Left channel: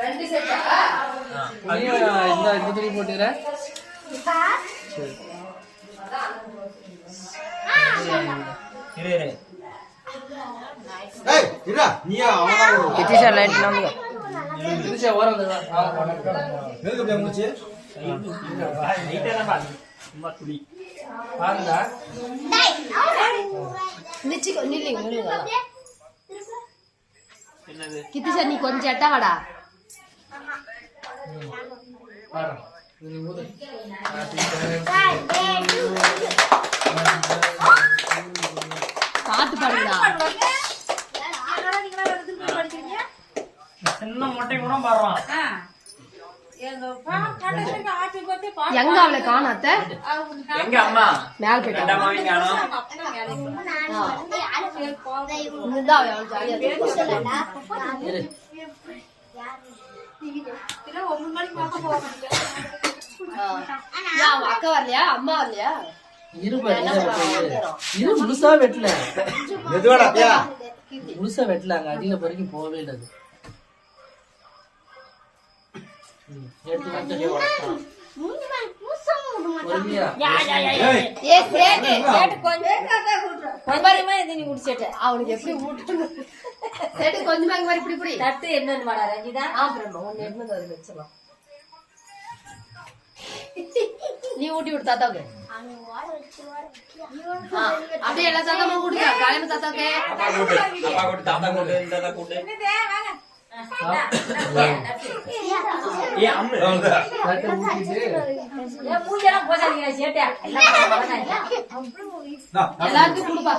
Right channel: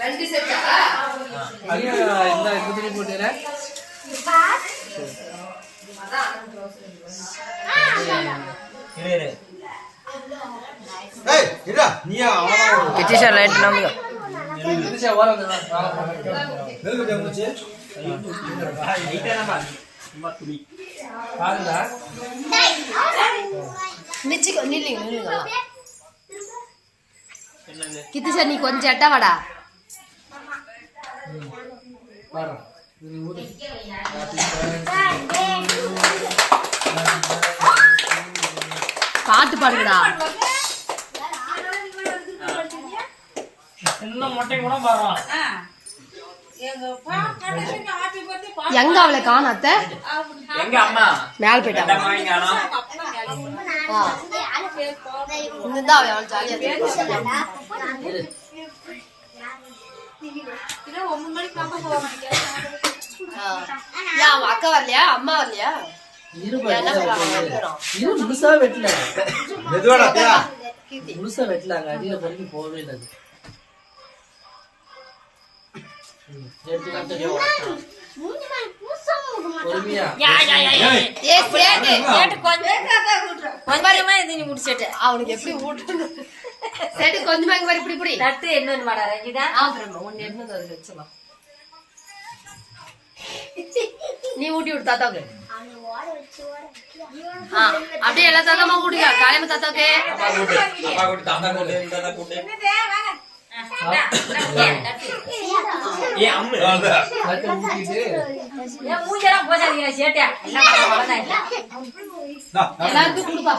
ரெண்டு செட்டா இந்த துணி போட்டுற கிட்டிஷா லைட் நம்புங்க கிட்டிஷா ஓரம் வந்து வெல்கம் பண்ணுச்சு லைட்டா நம்ம சும்மா துணி பாருங்க நிச்சிக்கோ நில்லுங்க கிட்டிஷா நீ கொஞ்சம் எட்ட வாடா பாரு இது ஊது பாட்டு பாடுடா சின்ன மொட்டை கூட பாடுறான் எங்க அவளை காணாத்த எங்க அம்மா மேல போயிட்டா அவ அவள் ஜாலியா அக்கா வரலையா அம்மா வரலையா முழுசா வெட்டல முழுசா வெட்டலாங்க அடியில வரைக்கும் போகவே இல்லை அவனுக்கு எப்படி ஊட்டு கொஞ்சமா இங்க இப்படி இப்படி தட்டு என்ன வச்சலாம் நீ ஊட்டி விடு தாத்தாவுக்கு அப்படியே எல்லா தாத்தாமா கூட்டியா காலையில தாத்தாவுக்கு எல்லாருக்கும் கொடுப்பா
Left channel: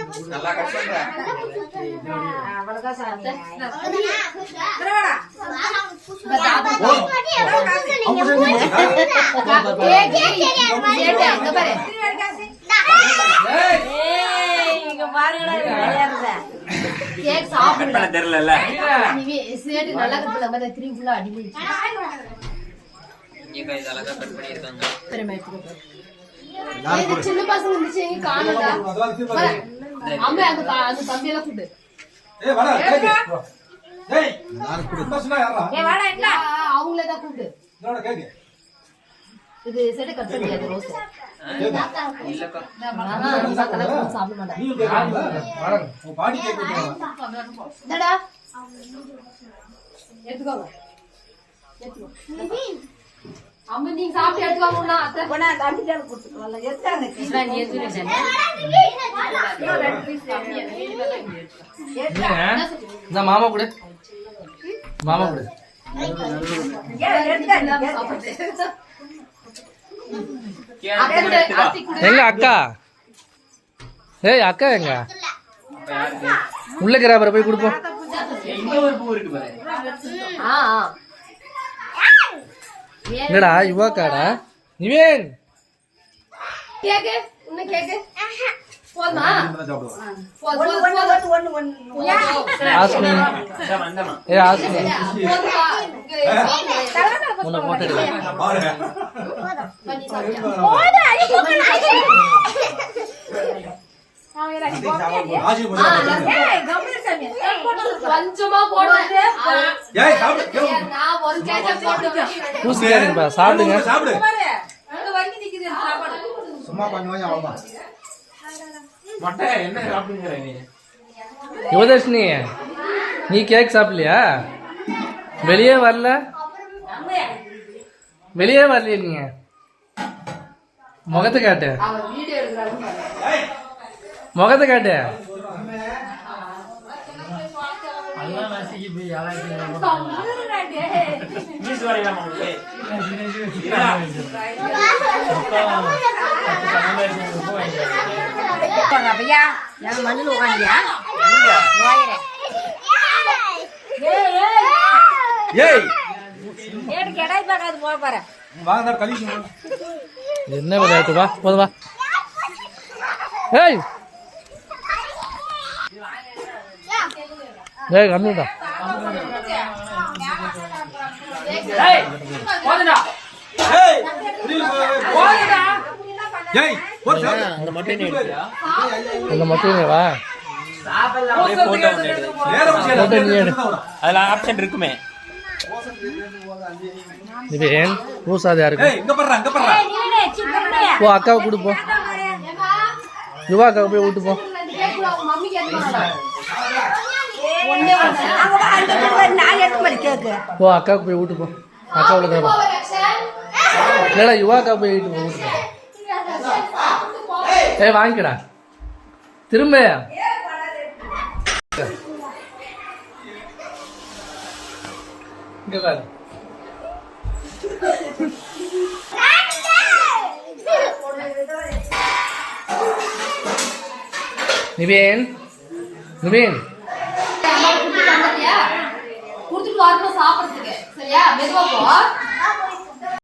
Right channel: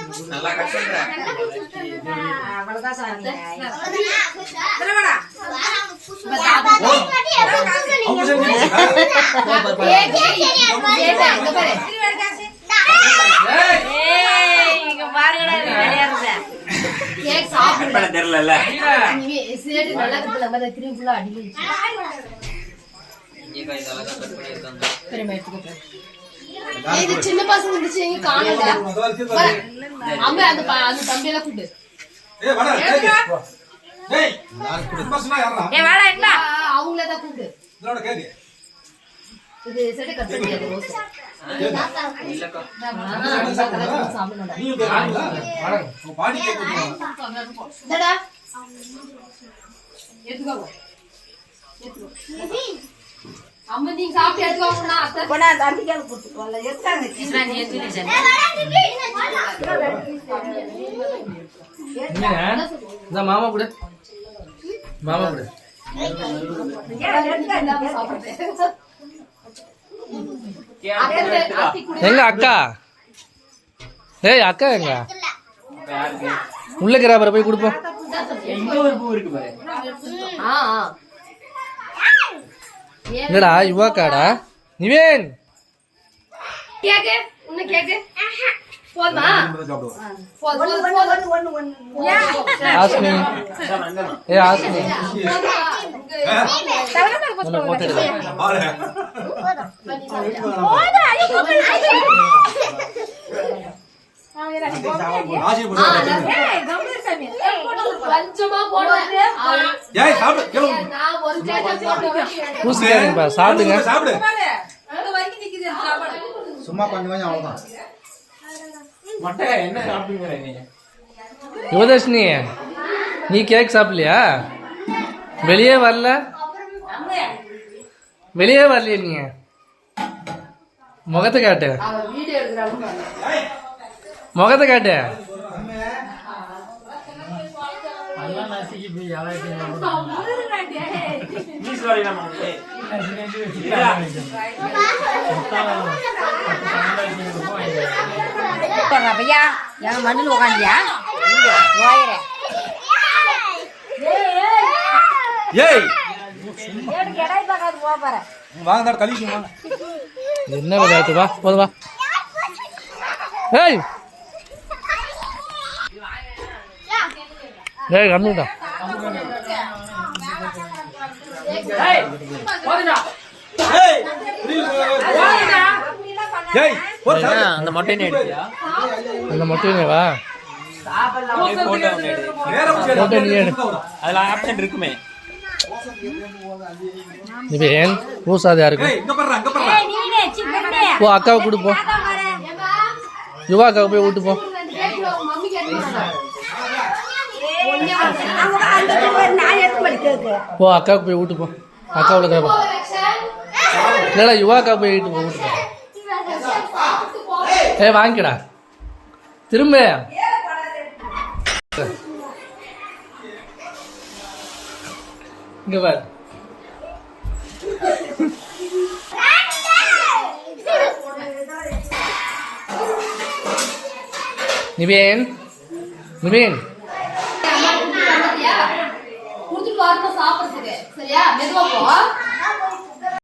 குட்டி நல்லா கஷ்டப்படுறா சின்ன பசங்க இருந்துச்சு எங்க காணல அம்மா அந்த தம்பி எல்லாம் கூட்டு அவங்களதான் கூட்டு இது செட்டை கட் பண்ணியாது சாப்பிட எடுத்துக்கோங்க அம்மா நீங்க சாப்பிட்டு எடுத்துக்கோங்க அத்தை போனா தம்பிக்கால போட்டுக்கோல எடுத்தாங்க கிஸ்வான் ஏத்துச்சு இந்த மாமா கூட எங்க அக்கா ஏய் அக்கா எங்க உள்ள கிராபரை போய் கொடுப்போம் என்னடா யுவாக்காடா நிவேன் கேக்கு உன்ன கேக்கு போதுமா ஆஸ்மி ஏ ஆஸ்மி உன்னை போட்டு சாப்பிடுங்க சும்மா கொஞ்சம் கொஞ்சம் அவ்வளவுதான் யுவதர்ஷினி நீ கேக் சாப்பிடலையா வெளியே வரலையா நீங்க முகத்தை காட்டு முகத்தை காட்டு பையா என் மண்ணில் உட்காந்தியா ஏய் எனக்கு இடையே பார்க்காது போறேன் வாங்க கழிச்சு வாங்க என்ன விளையாட்டு வா போதும் வா ஏய் ஏய் கம்மிடா ஏய் ஏய் ஒரு அந்த மொட்டையை எடுத்தியா அந்த மட்டும் வா போட்டோ போட்டோ நீ எடு அதுல ஆப்ஷன் இருக்குமே நிவேன் பூசாது யாருக்கு ஏய் இங்க பாரு போ அக்காவை கூட்டு போ யுவா அக்காவை போய் விட்டு போ போ அக்காவுக்கு போய் விட்டு போ அக்காவில் கேட்போம் இல்லைடா யுவா அக்கா போய் விட்டு போ விட்டு போ ஏய் வாங்கிக்கடா திரும்ப இங்க பாரு நிவேன் நிவேன் குடுத்துட்டு வரணும் சாப்பிடறதுக்கு சரியா மெதுவா போ